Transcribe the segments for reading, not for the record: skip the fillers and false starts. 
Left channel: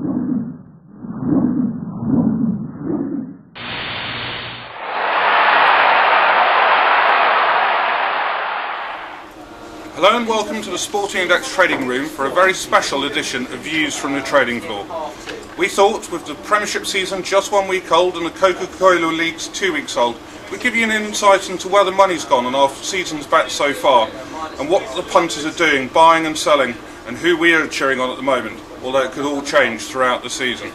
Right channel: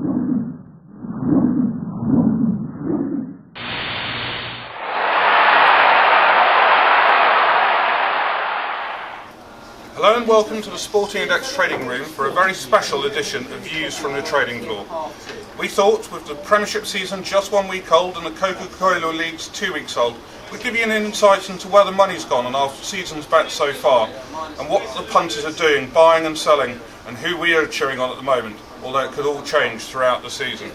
Hello and welcome to the Sporting Index trading room for a very special edition of Views from the Trading Floor. We thought with the Premiership season just 1 week old and the Coca-Cola League's 2 weeks old, we'd give you an insight into where the money's gone on our season's bet so far and what the punters are doing, buying and selling, and who we are cheering on at the moment, although it could all change throughout the season.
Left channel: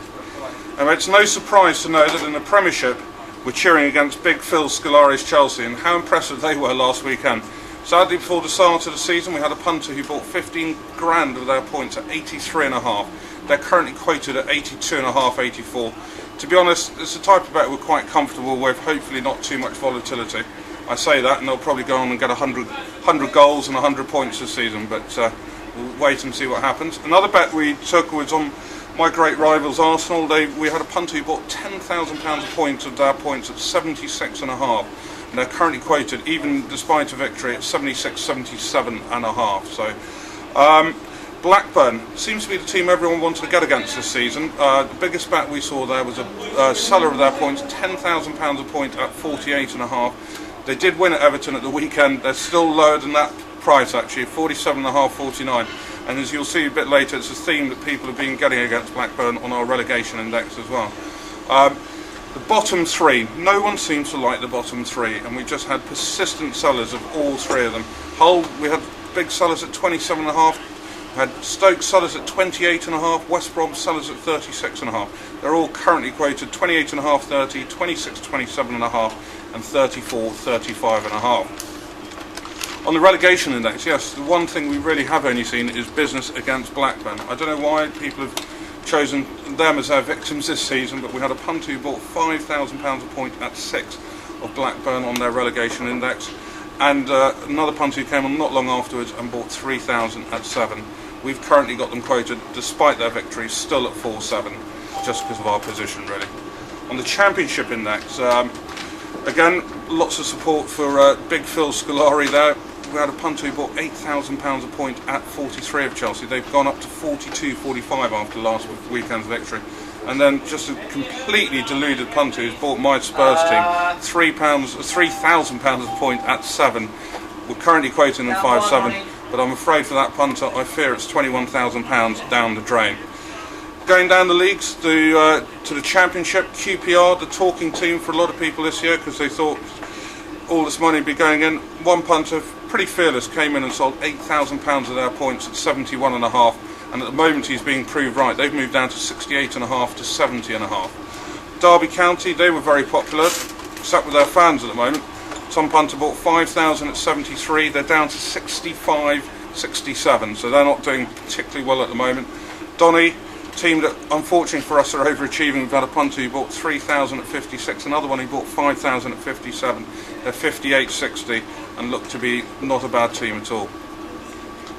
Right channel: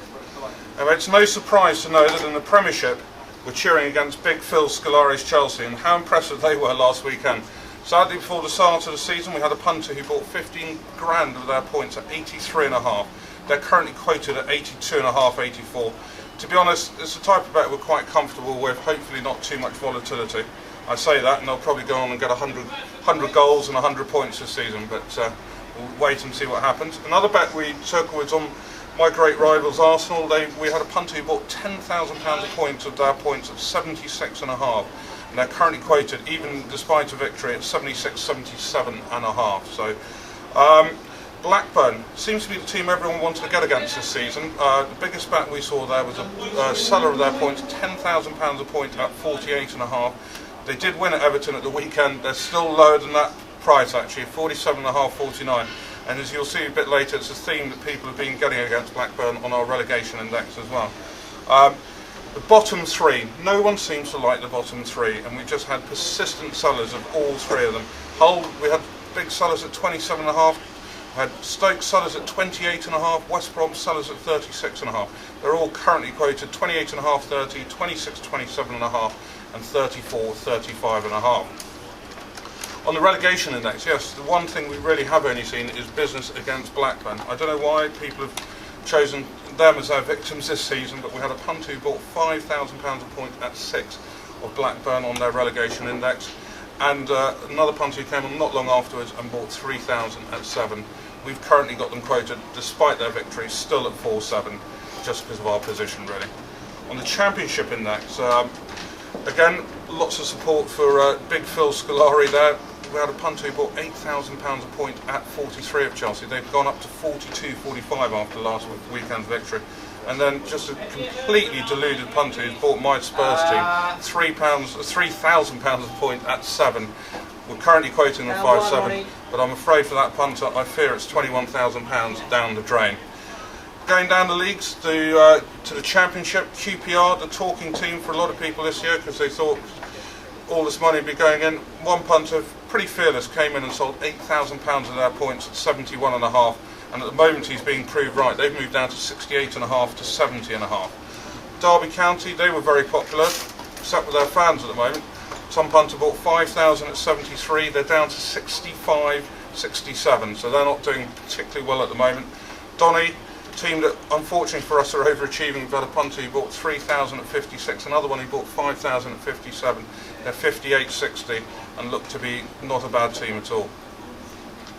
Anyway, it's no surprise to know that in the Premiership we're cheering against Big Phil Scolari's Chelsea, and how impressive they were last weekend. Sadly, before the start of the season, we had a punter who bought 15 grand of their points at 83.5. They're currently quoted at 82.5, 84. To be honest, it's a type of bet we're quite comfortable with, hopefully not too much volatility. I say that, and they'll probably go on and get 100 goals and 100 points this season, but we'll wait and see what happens. Another bet we took was on my great rivals Arsenal. We had a punter who bought £10,000 of points of their points at 76.5. And they're currently quoted, even despite a victory, at 76, 77.5. So, Blackburn seems to be the team everyone wanted to get against this season. The biggest bet we saw there was a seller of their points, £10,000 a point at 48.5. They did win at Everton at the weekend. They're still lower than that price actually, 47.5, 49. And as you'll see a bit later, it's a theme that people have been getting against Blackburn on our relegation index as well. The bottom three, no one seems to like the bottom three, and we just had persistent sellers of all three of them. Hull, we had big sellers at 27.5, we had Stoke sellers at 28.5, West Brom sellers at 36.5. They're all currently quoted 28.5, 30, 26, 27.5, and 34, 35.5. On the relegation index, yes, the one thing we really have only seen is business against Blackburn. I don't know why people have chosen them as our victims this season, but we had a punter who bought £5,000 a point at 6 of Blackburn on their relegation index, and another punter who came on not long afterwards and bought 3,000 at 7. We've currently got them quoted, despite their victory, still at 4-7, just because of our position really. On the Championship index, again, lots of support for Big Phil Scolari there. We had a punter who bought £8,000 a point at 43 of Chelsea. They've gone up to 42.45 after last weekend's victory. And then just a completely deluded punter who's bought my Spurs team £3,000 a point at 7. We're currently quoting them 5-7, but I'm afraid for that punter, I fear it's £21,000 down the drain. Going down the leagues to the Championship, QPR, the talking team for a lot of people this year because they thought all this money would be going in. One punter, pretty fearless, came in and sold £8,000 of their points at 71.5, and at the moment he's being proved right. They've moved down to 68.5 to 70.5. Derby County, they were very popular, except with their fans at the moment. Some punter bought 5,000 at 73, they're down to 65, 67, so they're not doing particularly well at the moment. Donny, team that unfortunately for us are overachieving. We've had a punter who bought 3,000 at 56, another one who bought 5,000 at 57. They're 58.60 and look to be not a bad team at all.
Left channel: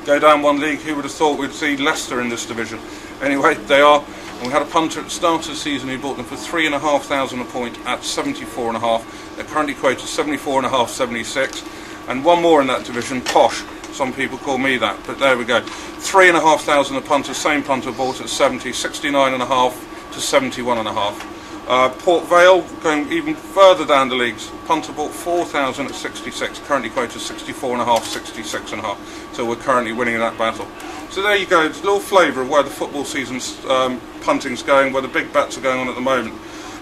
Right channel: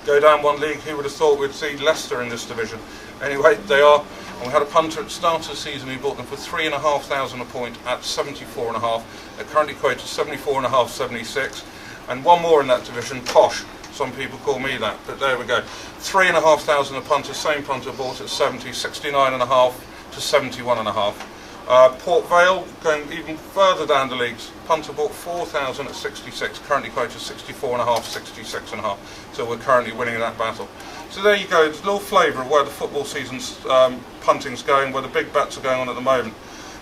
Go down one league, who would have thought we'd see Leicester in this division? Anyway, they are, and we had a punter at the start of the season who bought them for 3,500 a point at 74.5. They're currently quoted 74.5, 76, and one more in that division, Posh. Some people call me that, but there we go. 3,500 a punter, same punter bought at 70, 69.5 to 71.5. Port Vale, going even further down the leagues, punter bought 4,000 at 66, currently quoted 64.5, 66.5. So we're currently winning that battle. So there you go, it's a little flavour of where the football season's punting's going, where the big bets are going on at the moment.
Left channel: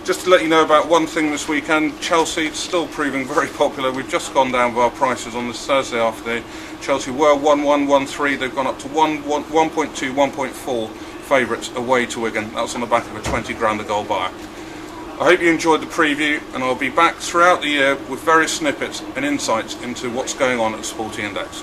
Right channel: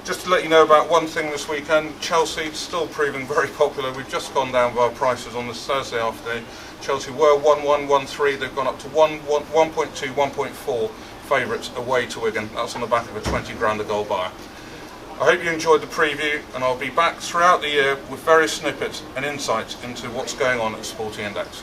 Just to let you know about one thing this weekend, Chelsea still proving very popular. We've just gone down with our prices on this Thursday afternoon. Chelsea were 1-1, 1-3, they've gone up to 1.2, 1.4 favourites away to Wigan. That's on the back of a 20 grand a goal buyer. I hope you enjoyed the preview, and I'll be back throughout the year with various snippets and insights into what's going on at Sporting Index.